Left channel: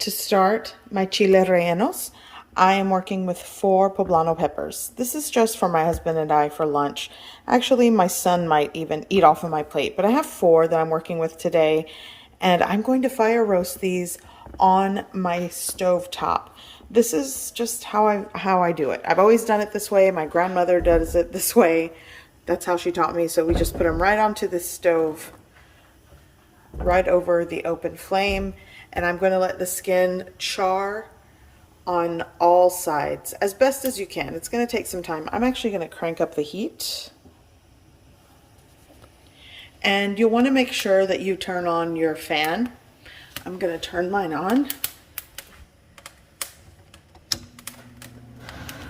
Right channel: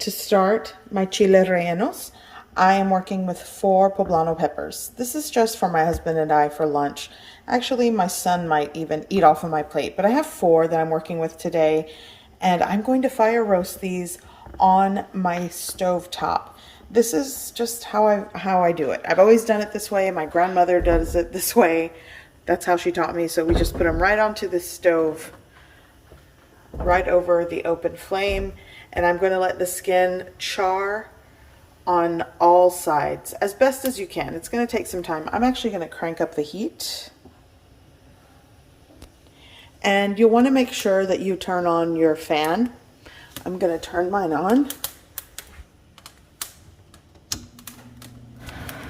To start my chile rellenos, I am working with 4 poblano peppers. This is just for my husband and I for lunch. Actually, my son might even eat off of my plate, but I have 4 that I'm working with today, and I'm going to fire roast these on my stove top. This is just how I do it. I've always done it this way. My grandmother does it this way. That's how she taught me. So we just put them right onto the stove, right over the open flame, and I'm going to let the skin char on all sides as best as you can. It's going to take some time. I'm actually going to crank up the heat. And you'll want to make sure that you turn on your fan. I'm going to turn mine on.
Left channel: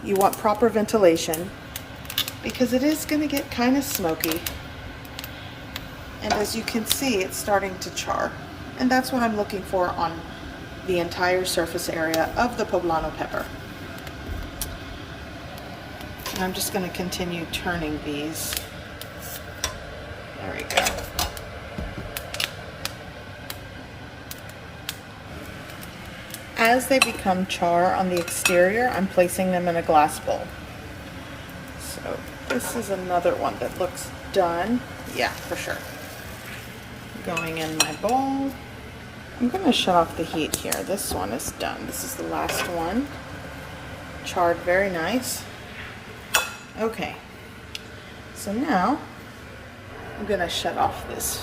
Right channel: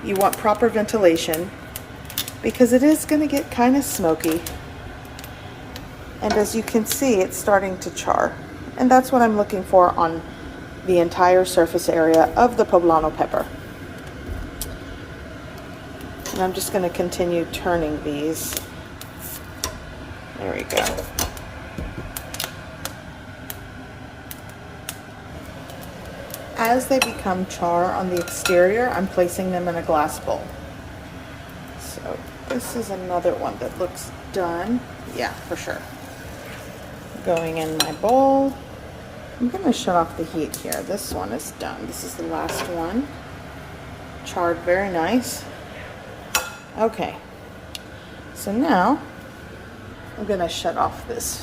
You want proper ventilation because it is going to get kind of smoky. And as you can see, it's starting to char. And that's what I'm looking for on the entire surface area of the poblano pepper. And I'm just going to continue turning these. There we go. As they become char on the exterior, I'm placing them in a glass bowl. So this is another one that looks done. Yeah, for sure. Going in my bowl. I'm going to shut off the heat here. This one is done. This is the last one. Charred very nice. Okay. So now I'm going to shut off this.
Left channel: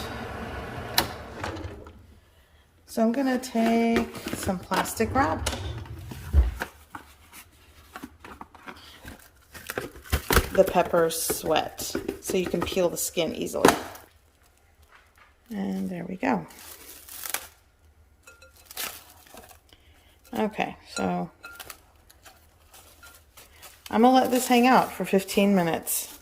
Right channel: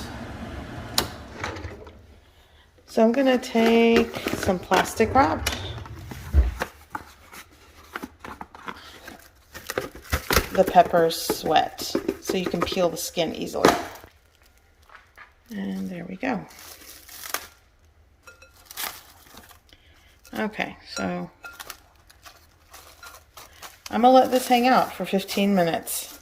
So I'm going to take some plastic wrap. The peppers sweat so you can peel the skin easily. And there we go. Okay, so I'm gonna let this hang out for 15 minutes,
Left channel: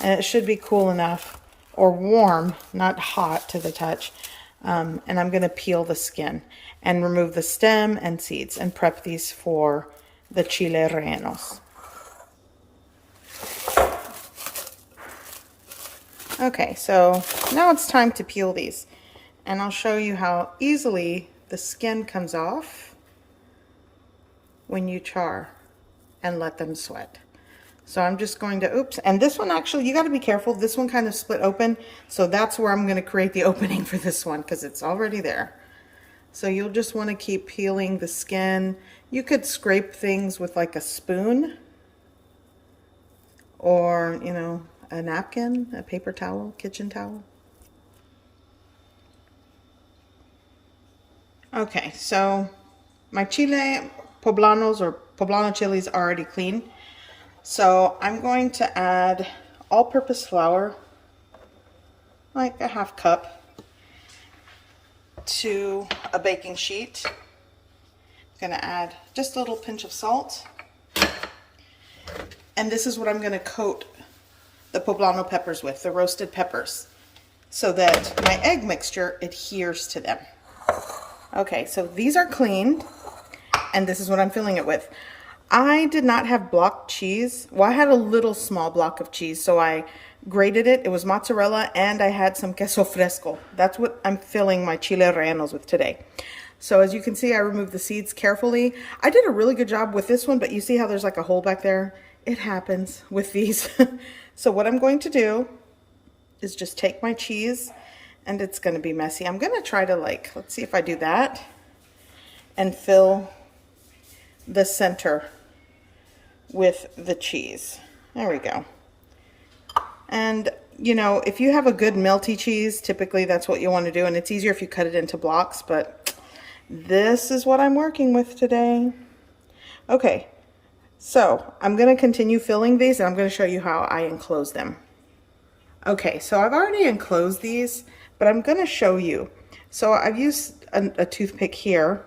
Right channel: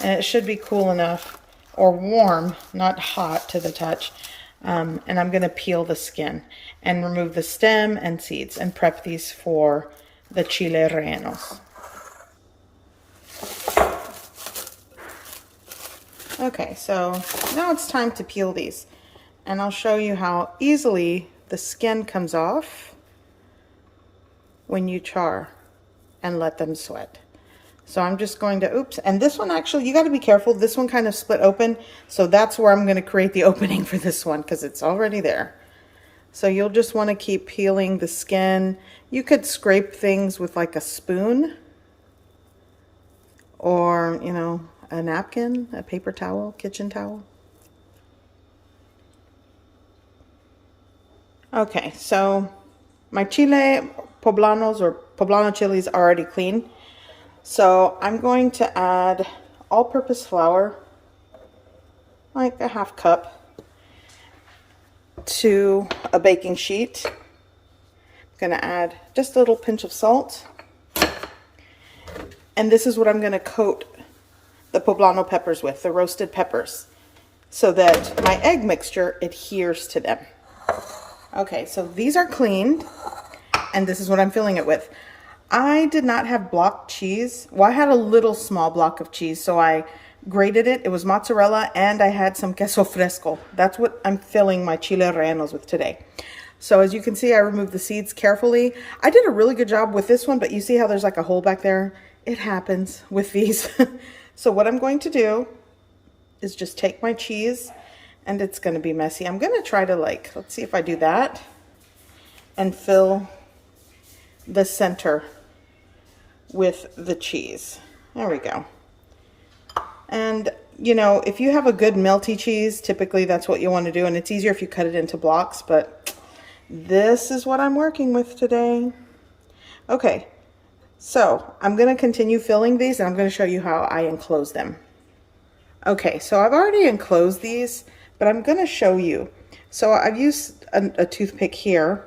and it should be cool enough, or warm, not hot to the touch. And I'm gonna peel the skin and remove the stem and seeds and prep these for the chile rellenos. Okay, so now it's time to peel these, and I'll show you how easily the skin comes off when you char and let them sweat. So I'm just going to, oops, and this one actually, you got to be careful. This one kind of split open, so that's where I'm going to create the opening for this one because it's already there. So you'll just want to keep peeling the skin. You could scrape things with like a spoon or, you know, a napkin, a paper towel, kitchen towel. Okay, so my chile poblanos or poblano chilies are already clean. So I'm going to add all-purpose flour, like a half cup, to a baking sheet. I'm going to add just a little pinch of salt. And this is what I'm going to coat the poblano peppers with, the roasted peppers, so that my egg mixture adheres to them. Okay, so these are cleaned, and this is what I'm filling it with. I did not have block cheese. Well, I had a little small block of cheese, so I grated it. It was mozzarella, and I had some queso fresco. That's what I'm filling my chile rellenos with today. So as you can see, I removed the seeds carefully. I did a really good job with this one, but you see how there's like a hole back there? It happens with these. So what I'm going to do is just take my cheese, and it's going to be messy. I'm going to try to, like, let's see if I do that, and fill the center with the cheese. There we go. And, you know, if you have a good melty cheese, typically that's what you want to do, and it's easier if you cut it into blocks, but this is what I'm working with today. Okay, so I'm going to continue filling these, and I'm going to show you how I enclose them. Okay, so I've already enclosed these, but I'm going to show you. So I've used a toothpick here,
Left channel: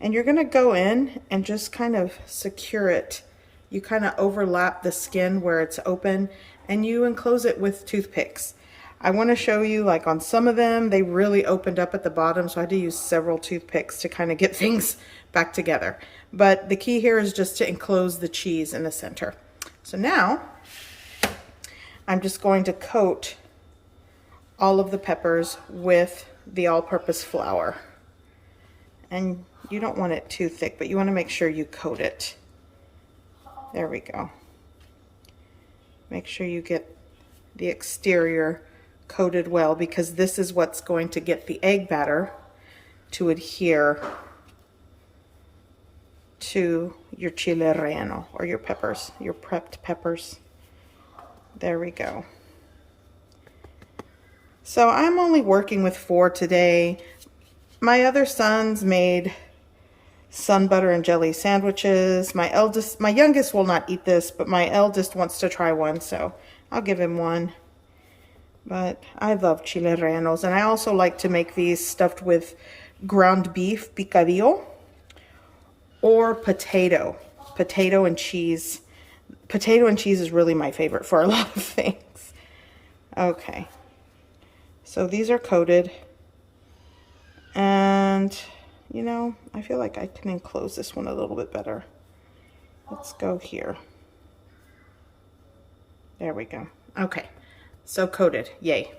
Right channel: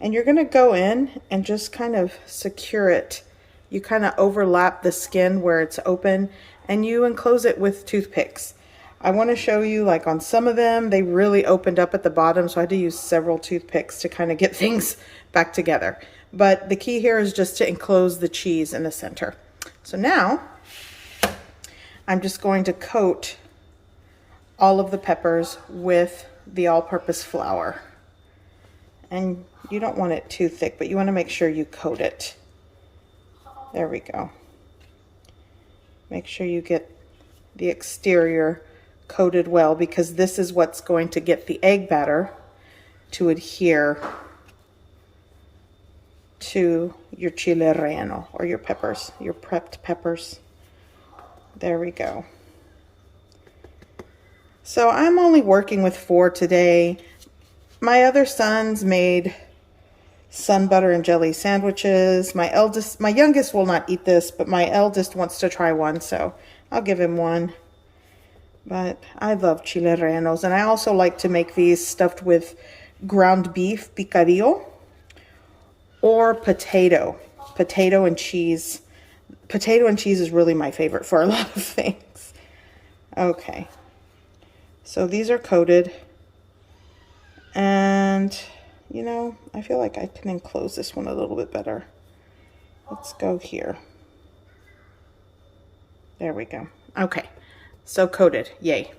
and you're going to go in and just kind of secure it. You kind of overlap the skin where it's open, and you enclose it with toothpicks. I want to show you, like on some of them, they really opened up at the bottom, so I had to use several toothpicks to kind of get things back together. But the key here is just to enclose the cheese in the center. So now I'm just going to coat all of the peppers with the all-purpose flour. And you don't want it too thick, but you want to make sure you coat it. There we go. Make sure you get the exterior coated well, because this is what's going to get the egg batter to adhere to your chile relleno, or your peppers, your prepped peppers. There we go. So I'm only working with 4 today. My other sons made sun butter and jelly sandwiches. My youngest will not eat this, but my eldest wants to try one, so I'll give him one. But I love chile rellenos, and I also like to make these stuffed with ground beef, picadillo, or potato and cheese. Potato and cheese is really my favorite for a lot of things. Okay, so these are coated, and you know, I feel like I can enclose this one a little bit better. Let's go here. There we go. Okay, so coated, yay.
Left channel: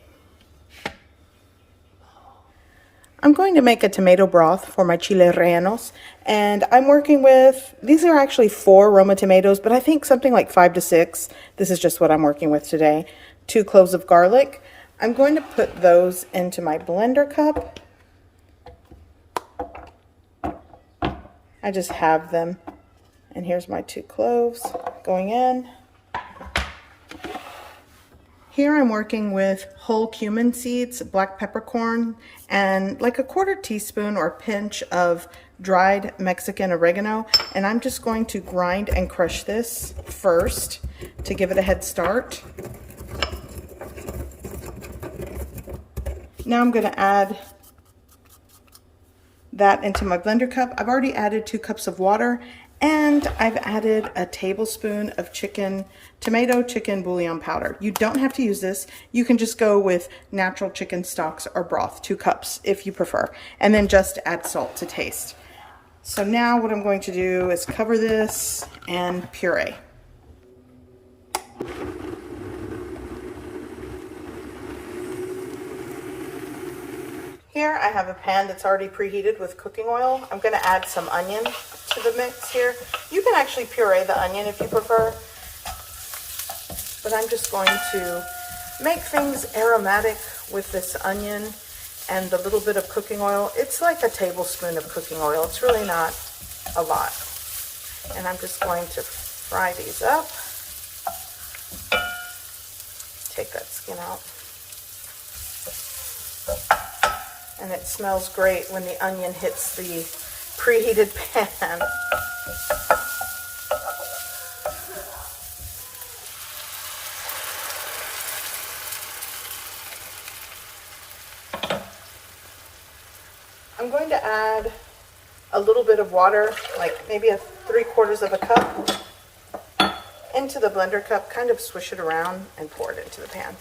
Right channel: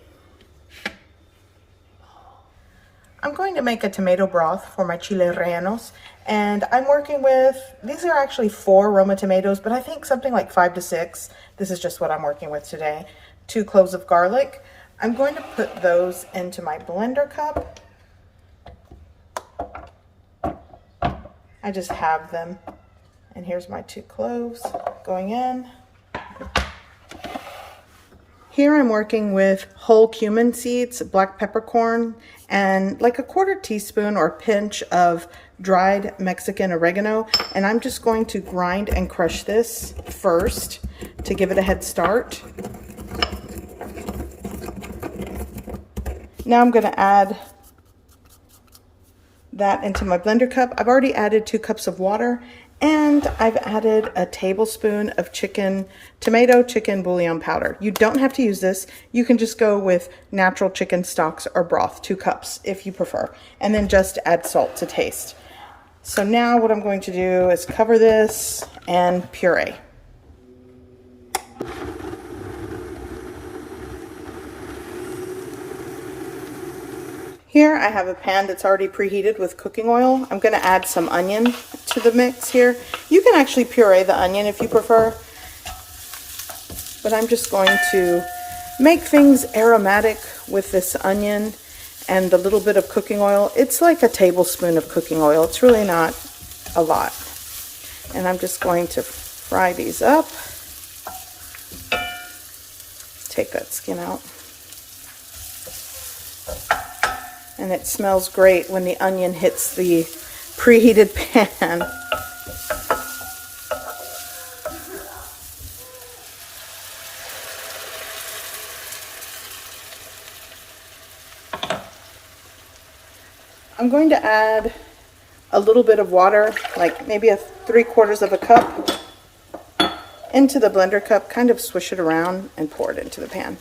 I'm going to make a tomato broth for my chile rellenos, and I'm working with, these are actually 4 Roma tomatoes, but I think something like 5 to 6. This is just what I'm working with today. 2 cloves of garlic. I'm going to put those into my blender cup. I just have them, and here's my 2 cloves going in. Here I'm working with whole cumin seeds, black peppercorn, and like a 1/4 teaspoon or pinch of dried Mexican oregano. And I'm just going to grind and crush this first to give it a head start. Now I'm going to add that into my blender cup. I've already added 2 cups of water, and I've added a tablespoon of tomato chicken bouillon powder. You don't have to use this. You can just go with natural chicken stocks or broth, 2 cups if you prefer, and then just add salt to taste. So now what I'm going to do is cover this and puree. Here I have a pan that's already preheated with cooking oil. I'm going to add some onion to the mix here. You can actually puree the onion if you prefer, but I'm just going to make things aromatic with this onion and a little bit of cooking oil. It's like a tablespoon of cooking oil. It's really not a lot. And I'm just going to fry these up. Take that skin out. And it smells great when the onion hits the preheated pan. I'm going to add a little bit of water, like maybe 3/4 of a cup, into the blender cup, kind of swish it around and pour it into the pan.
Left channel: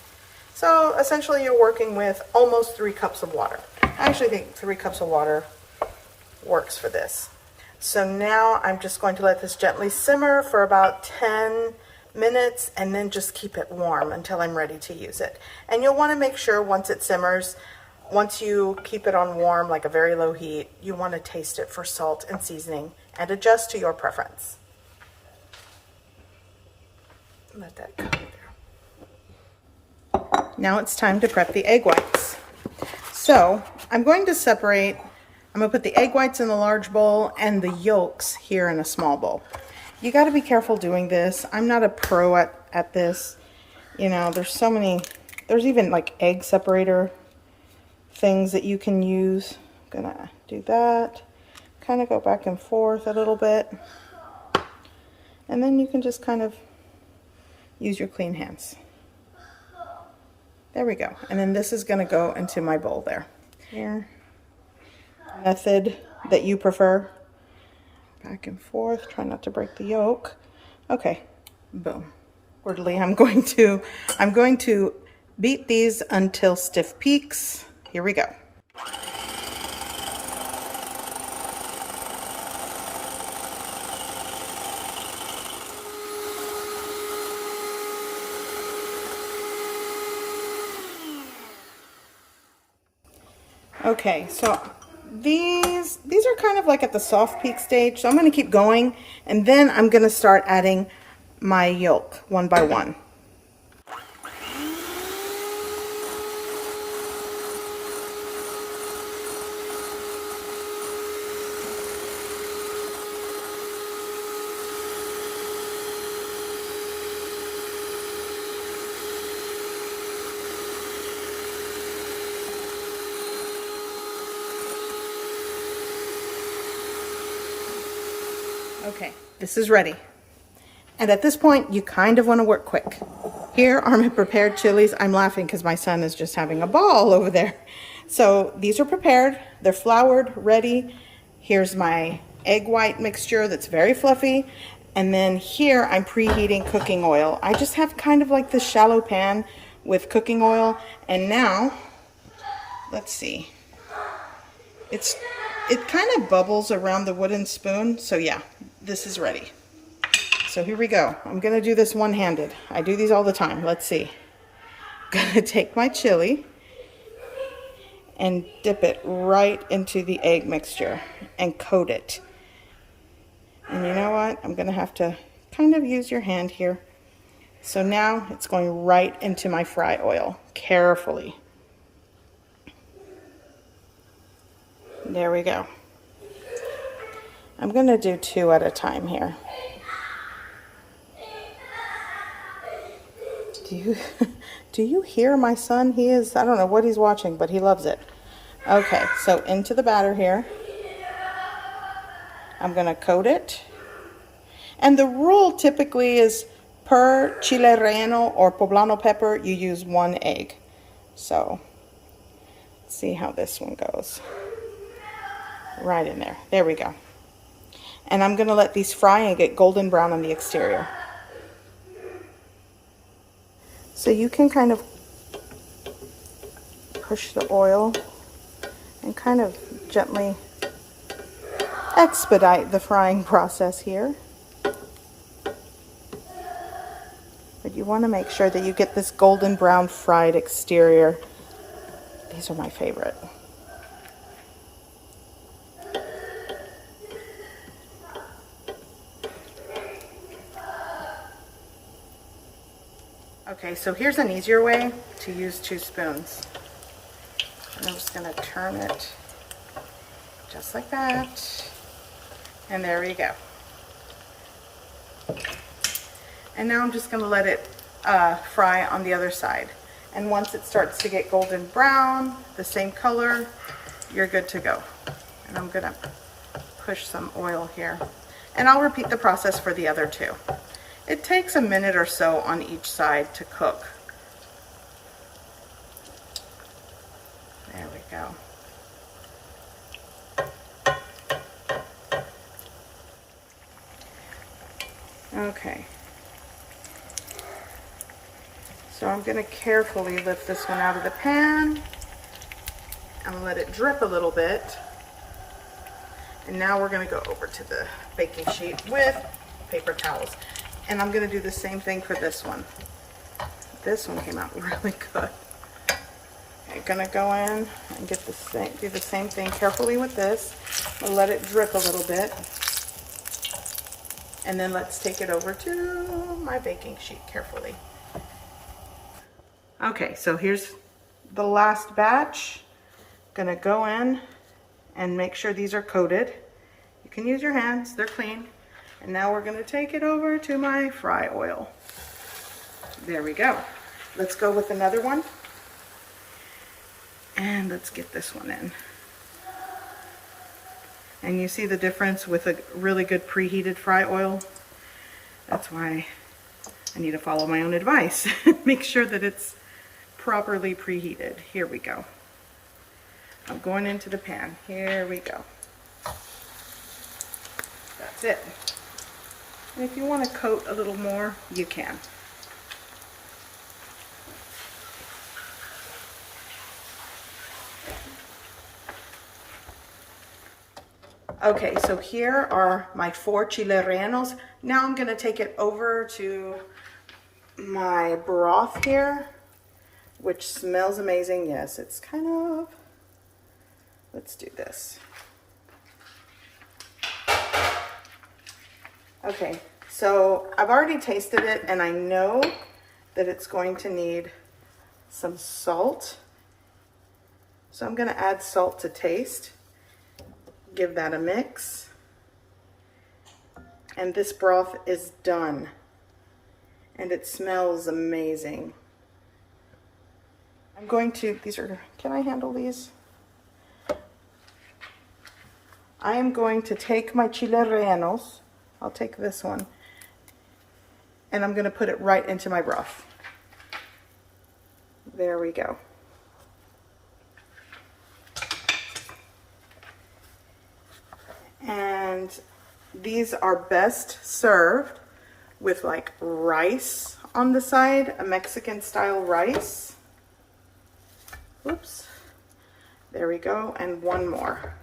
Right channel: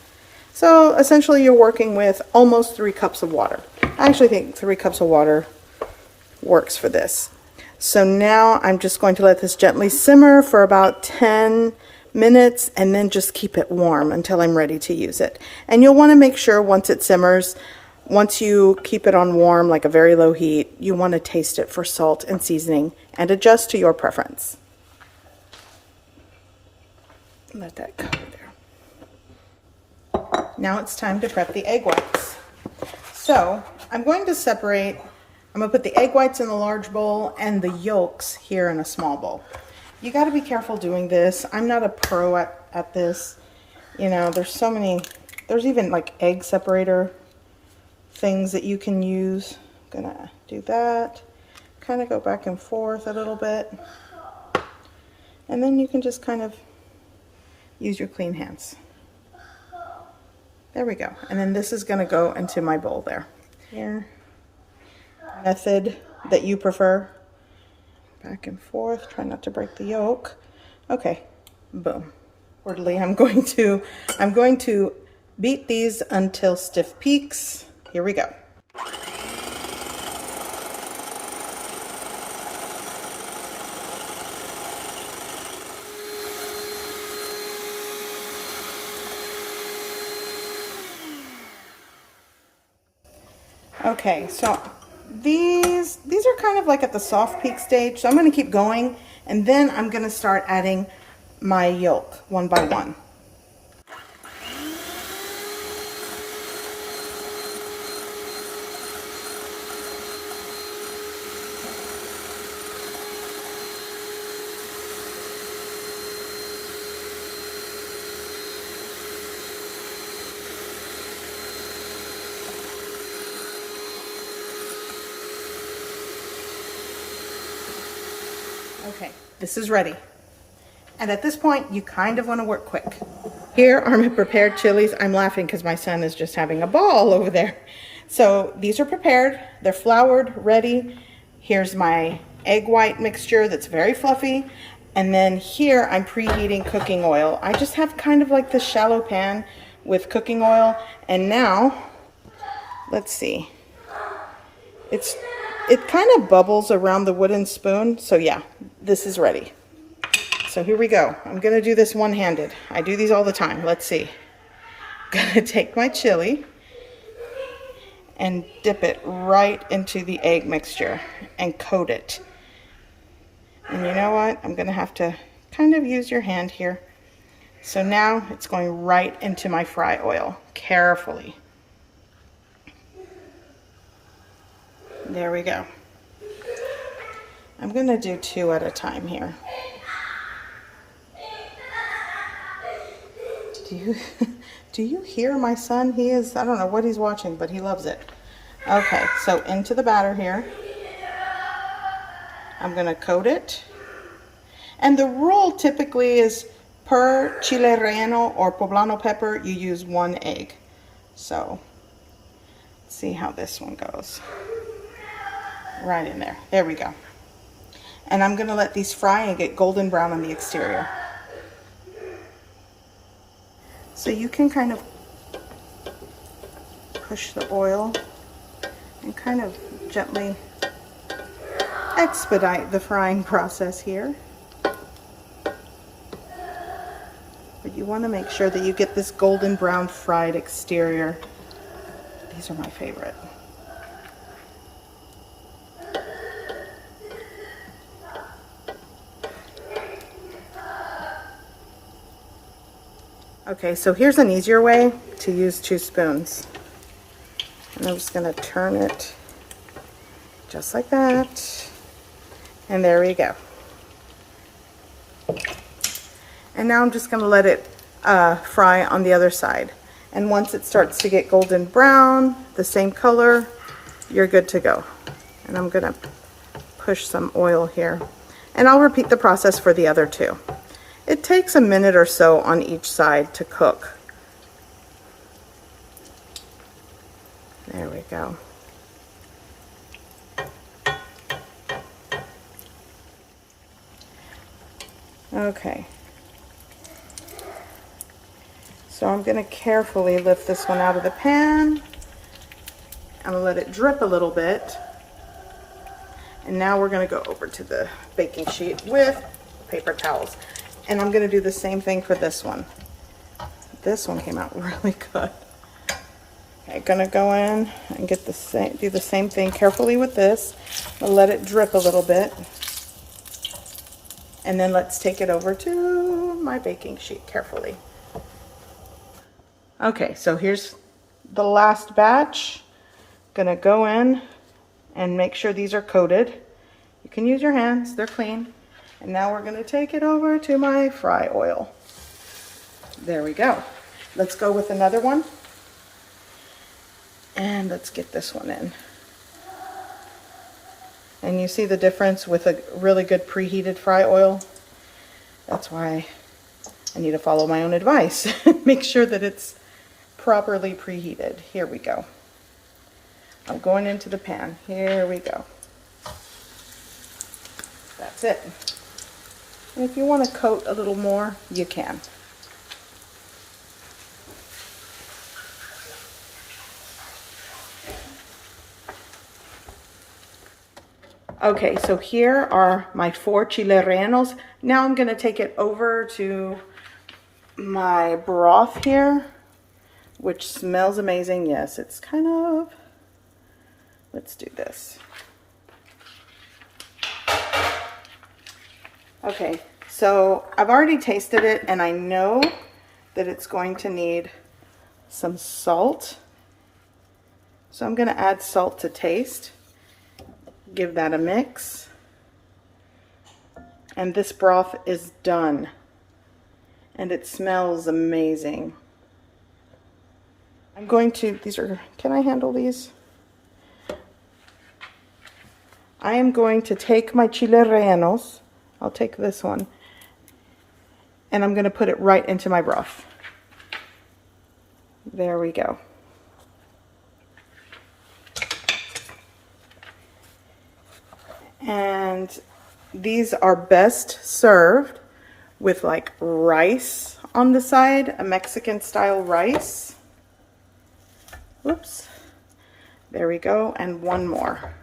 So essentially you're working with almost 3 cups of water. I actually think 3 cups of water works for this. So now I'm just going to let this gently simmer for about 10 minutes and then just keep it warm until I'm ready to use it. And you'll want to make sure once it simmers, once you keep it on warm, like a very low heat, you want to taste it for salt and seasoning and adjust to your preference. Let that cover there. Now it's time to prep the egg whites. So I'm going to separate, I'm going to put the egg whites in the large bowl and the yolks here in a small bowl. You got to be careful doing this. I'm not a pro at this. You know, there's so many, there's even like egg separator things that you can use. I'm going to do that. Kind of go back and forth a little bit. And then you can just kind of use your clean hands. There we go. And then this is going to go into my bowl there. Here, method that you prefer. Back and forth. Try not to break the yolk. Okay, boom. Orderly. I'm going to beat these until stiff peaks. Here we go. Okay, so these these are kind of like at the soft peak stage, so I'm going to keep going, and then I'm going to start adding my yolk one by one. Okay, this is ready. And at this point, you kind of want to work quick. Here are my prepared chilies. I'm laughing because my son is just having a ball over there. So these are prepared. They're floured, ready. Here's my egg white mixture that's very fluffy. And then here I'm preheating cooking oil. I just have kind of like this shallow pan with cooking oil. And now, let's see. It kind of bubbles around the wooden spoon. So yeah, this is ready. So here we go. I'm going to do this one-handed. I do these all the time. Let's see. I'm going to take my chili and dip it right into the egg mixture and coat it. And you know what? I'm going to have to kind of use your hand here. So now it's going right into my fry oil, carefully. There we go. I'm going to do 2 at a time here. Do you hear my son? He is, I don't know what he's watching, but he loves it. Okay, so into the batter here. I'm going to coat it. And the rule typically is per chile relleno or poblano pepper, you use 1 egg. So, let's see how this one goes. Right in there. There we go. And I'm going to let these fry and get golden brown on the exterior. So you can kind of push the oil and kind of gently expedite the frying process here. But you want to make sure that you get this golden brown fried exterior. These are my favorite. Okay, so here's an easier way to use 2 spoons. And I'm just going to turn it just like that. And there we go. And now I'm just going to let it fry on the other side. And once it starts to get golden brown, the same color, you're good to go. And I'm going to push some oil here. And I'll repeat the process for the other 2. It takes a minute or so on each side to cook. There we go. Okay. So I'm going to carefully lift this one out of the pan. I'm going to let it drip a little bit. And now we're going to go over to the baking sheet with paper towels. And I'm going to do the same thing for this one. This one came out really good. I'm going to go in and get do the same thing carefully with this. I'll let it drip a little bit. And then let's take it over to my baking sheet carefully. Okay, so here's the last batch. Going to go in and make sure these are coated. You can use your hands, they're clean. And now we're going to take it over to my fry oil. There we go. Let's go with another one. And let's get this one in. And you see the difference with a really good preheated fry oil? That's why I need to follow my own advice. Make sure that it's properly preheated. Here we go. I'm going into the pan. Here we go. That's it. And if you want to coat a little more, you can. Okay, so here are my 4 chile rellenos. Now I'm going to take it over to my broth here, which smells amazing. Yes, it's kind of, let's do this. Okay, so I've already tasted it and I know that it's going to need some salt. So I'm going to add salt to taste. Give that a mix. And this broth is done. And it smells amazing. I'm going to, can I handle these? I am going to take my chile rellenos. I'll take this one. And I'm going to put it right into my broth. There we go. And these are best served with like rice on the side, a Mexican style rice. Whoops. There we go. And one more.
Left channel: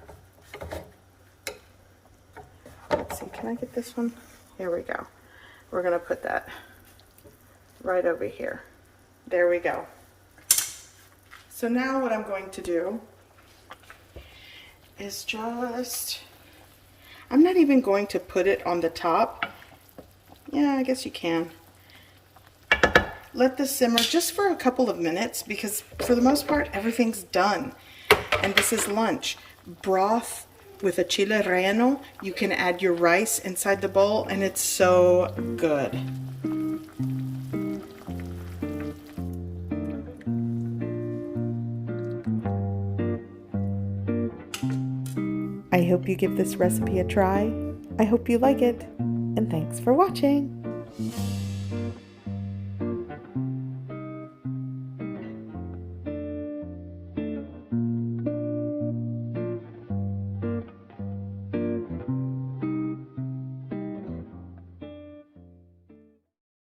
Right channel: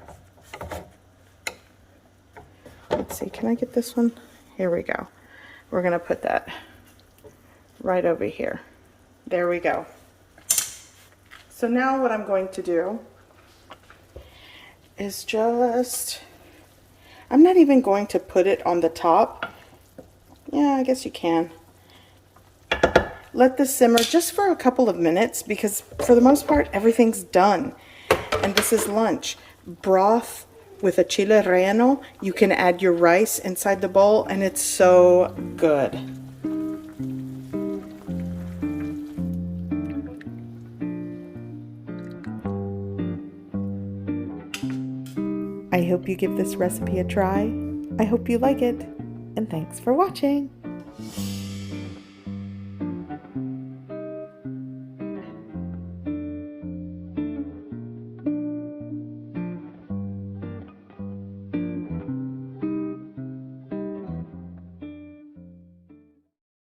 Let's see, can I get this one? Here we go. We're going to put that right over here. There we go. So now what I'm going to do is just, I'm not even going to put it on the top. Yeah, I guess you can. Let this simmer just for a couple of minutes because for the most part, everything's done. And this is lunch. Broth with a chile relleno. You can add your rice inside the bowl and it's so good. I hope you give this recipe a try. I hope you like it, and thanks for watching.